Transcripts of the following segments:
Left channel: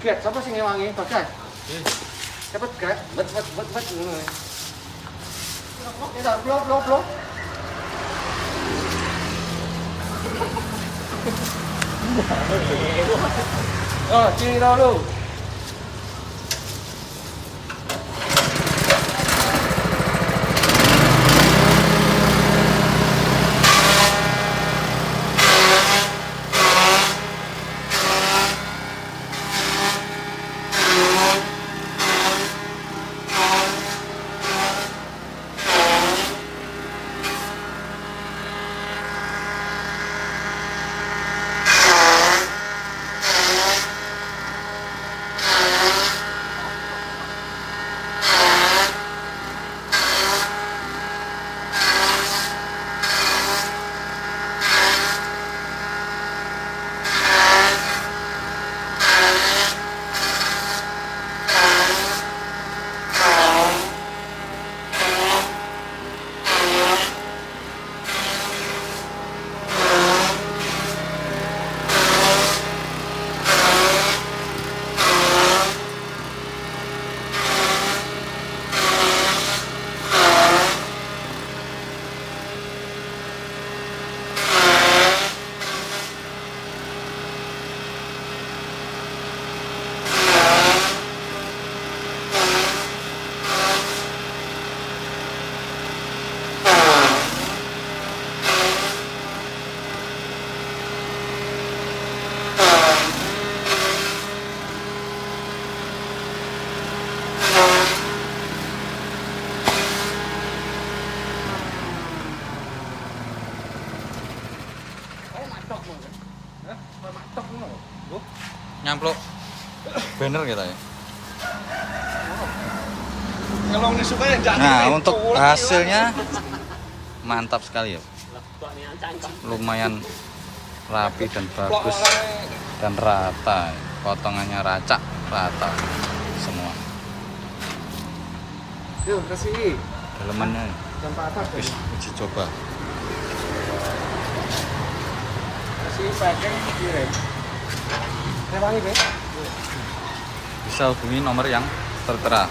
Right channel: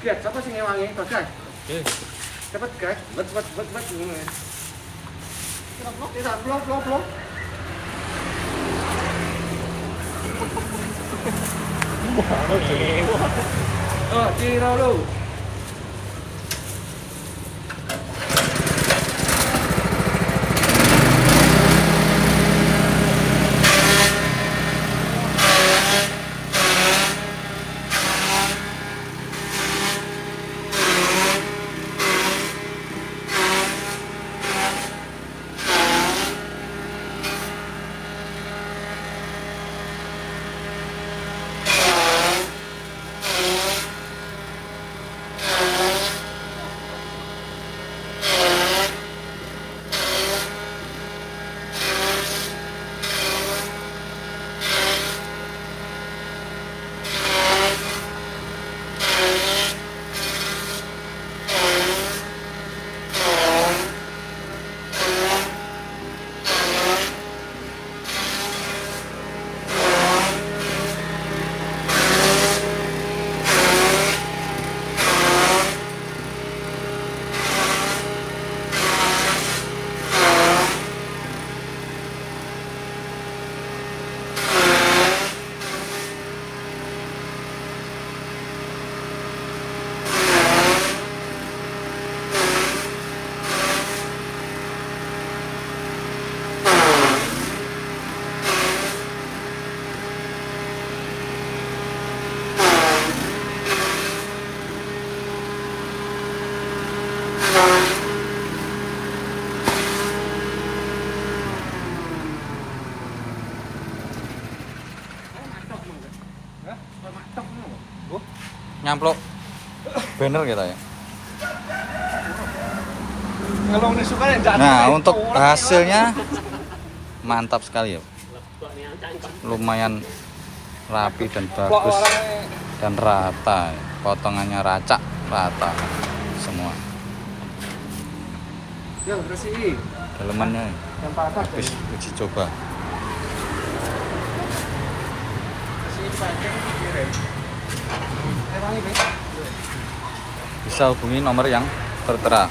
Ket, siapa sih ngewangi? Bagas. Cepet gas, bet ngono. Blok. Oh, ciro lu. Nyamplok banner kita ya. Nah, untuk hasilnya mantap sekali ya. Lumayan rapi dan bagus dan rata. Potongannya rata semua. Yo, kasih. Dalemannya habis uji coba. Kasih panjang kiri. Bisa hubungi nomor yang tertera.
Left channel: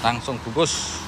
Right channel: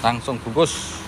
Langsung bungkus.